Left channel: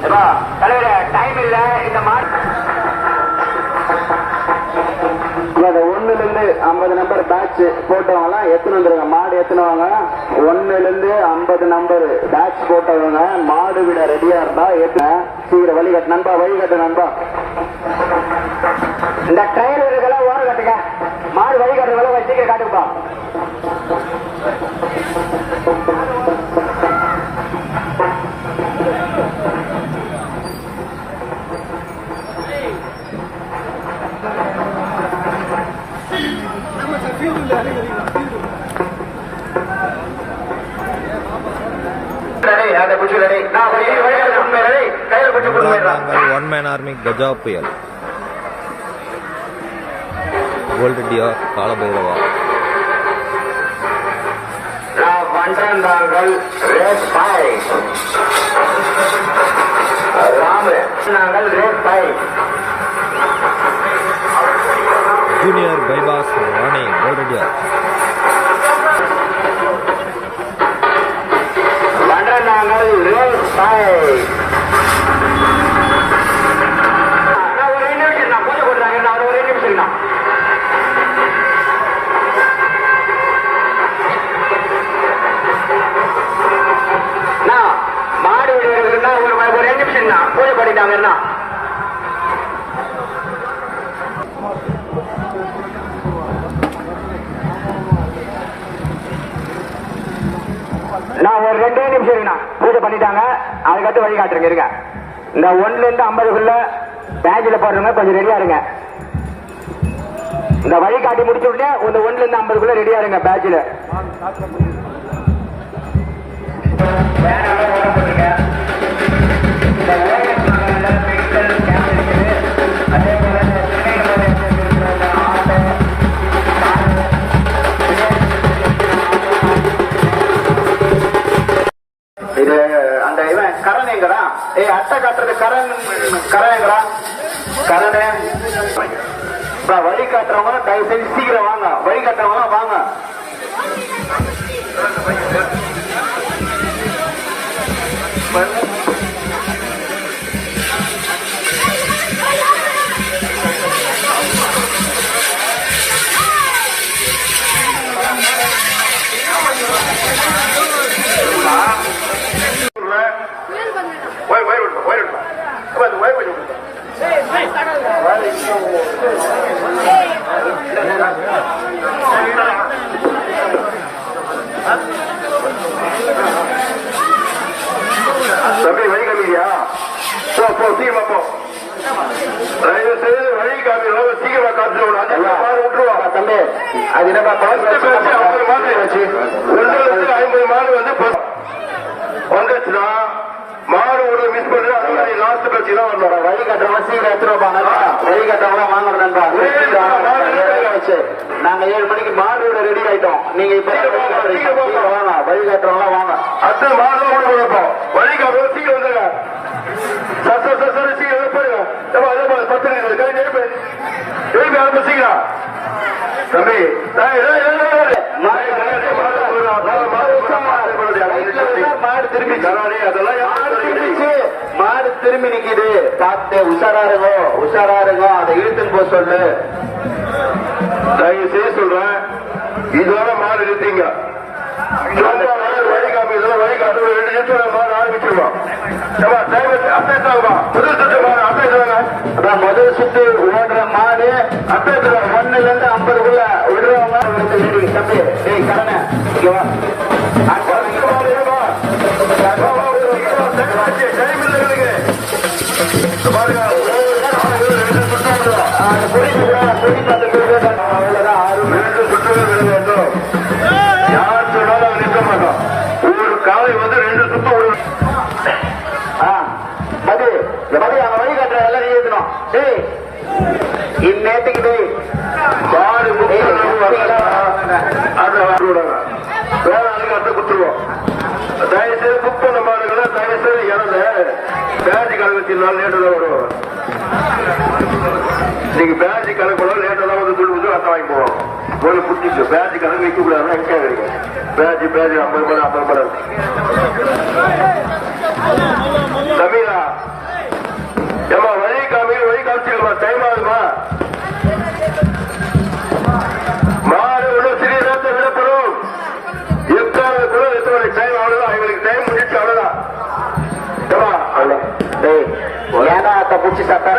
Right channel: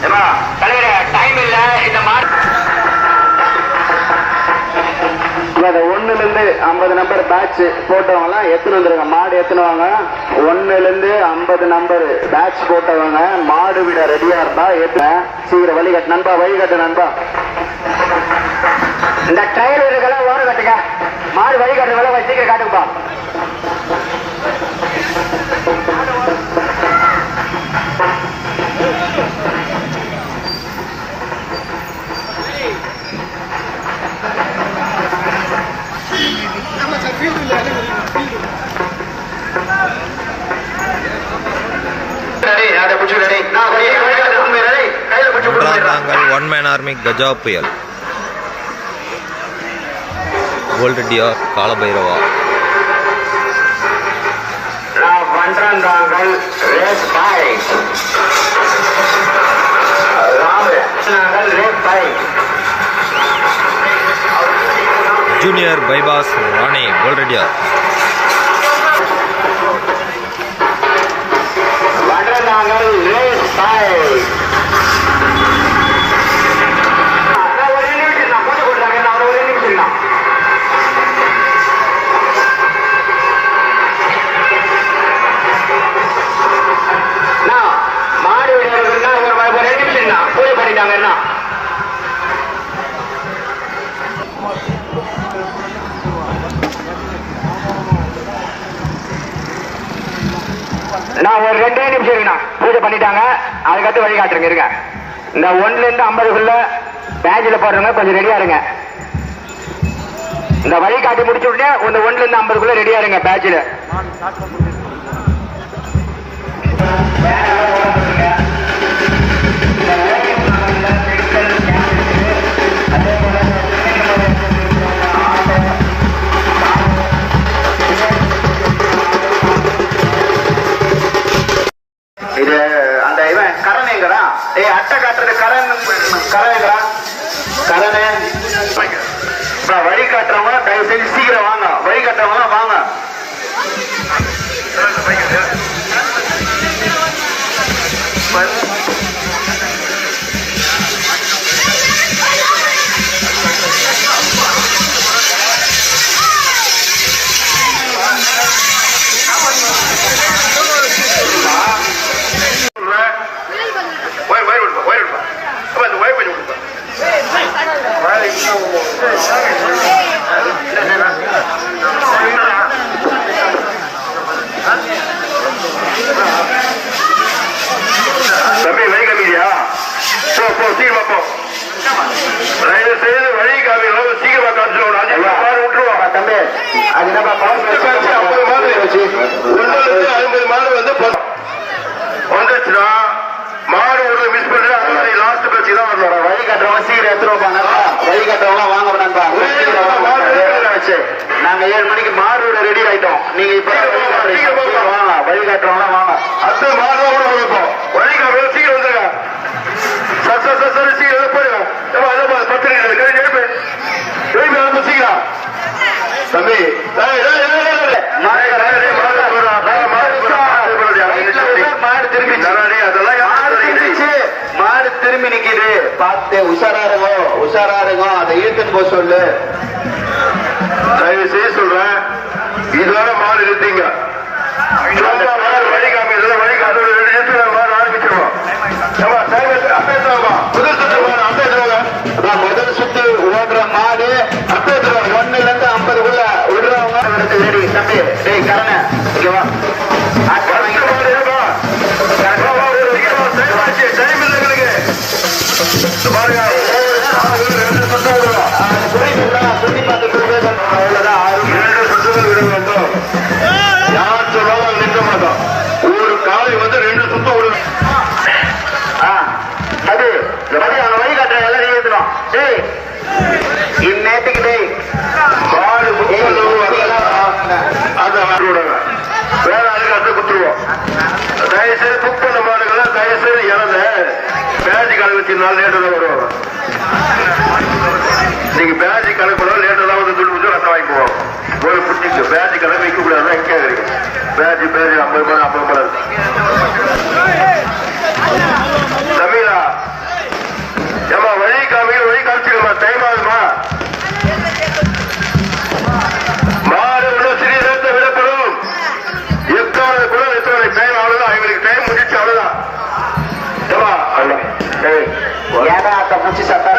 time இல்ல இந்த மாடு 1ல இருந்து 50 நம்பர் பேட்ச் போட்டவங்கலாம் எத்தனை வந்துருங்க மாடு எத்தனவாங்க 1ல இருந்து 50 நம்பர் பேட்ச் போட்டவங்க மாடு விட ரெடியா இருந்தா ஏத்துன சீக்கிரம் வழிகட்டு நண்பா வழிகட்டு நண்பா இந்த ட்ரைலருக்கெல்லாம் ஓர கட்டுங்க மாடு வழிகாட்டுறவங்க சீக்கிரம் காட்டுப்பா ஒன் மேன் ஆர்மி கஜா புயல் gold TR Kaala Bhairava junior bypass ராணி கோல்டு டிஆர் நான் ஒரு 2 நிமிஷம் இருக்குண்ணா பூஜை பண்ணிட்டாங்க அதுக்கடுத்து வழிகாட்டுருங்க இருங்க இந்த 1ல இருந்து 50க்குள்ள பேட்சில் போடுறவங்க கொஞ்சம் ரெடியா இருங்க இந்த வழிகாட்டி முடிச்ச உடனே இந்த 1ல இருந்து 50க்குள்ள ரெடியா இருங்க பேட்சில் இது அந்த இவன் கரணைங்கிறான் அட்டை காட்டுறது கரணைங்கிறான் வழி காட்டுறவங்க தயவு செஞ்சு சீக்கிரம் வாங்க வழி காட்டுறவங்க வாங்க தம்பி வழி காமியா போ சீக்கிரமா போ தயவு செய்து வழி காமியா சீக்கிரமா காமிச்சு விட்டுருவாங்க தம்பி அது நம்ம 50 மாடு வந்து வந்துச்சுன்னா மாடு ஒரு மிஸ் பண்ணி லாஸ்ட் பேச்சு தான் வரணும் வழி கட்டுறவங்க சீக்கிரம் எடுத்துருவாங்க வழி கட்டுறவங்க வாங்க நண்பா நாங்க 7 மணிக்கு மாடு ரெடி ஆயிட்டோம் நீங்க இப்ப வாங்க வழி காட்டுறவங்க வாங்க அடுத்து மாடு தான் கூட வைப்போம் வழி காட்டுறவங்க சீக்கிரம் வந்துருங்க சரி சீக்கிரம் போயிருங்க 10 நிமிஷம் எழுப்பு சீக்கிரம் தம்பி மாடு திரும்பி நிக்குது பார்த்து உஷாரா இருக்கும் அதை இழுத்துன்னு போய் சொல்லு தயவு செய்ய சொல்றேன் இதோட மாடு நிறுத்தீங்க வழி காமி வழி காட்டு மாடு ஆரம்பிச்சிருவோம் முதல் சுத்து ஓடுற மாடு அப்பே 1ல இருந்து 50க்குள்ள விடுறவங்க தம்பி டேய் கரண ஓகேவா ஒரு காலை வந்து 2 சுத்தம் விடு அது வழி காட்டுற எல்லாம் நீ ஏற்றணும் இந்நேரத்துக்கு டேய் வேற ஆளுக்கு அடுத்து குத்துருவோம் தயவுசெய்து புக் பண்ண மாடுகளை தயவுசெய்து இறந்து பேட்ஜ் கணக்கு வச்சிருந்தாலும் லேட்டு தான் வருவாங்க நீங்க பேட்ஜ் கணக்கு பண்ணாலும் லேட்டு தான் வந்து துண்டு வந்து ரத்தம் வாங்கி போவோம் ஒரு புட்டிக்கு பேட்ஜ் கணக்கு வைக்க கூடாது எங்கே இருக்கு பேட்ஜ் 50 ரூபாய் 50 ரூபாய் தமிழா ஏடா அத்தை பிடிச்சி சட்டா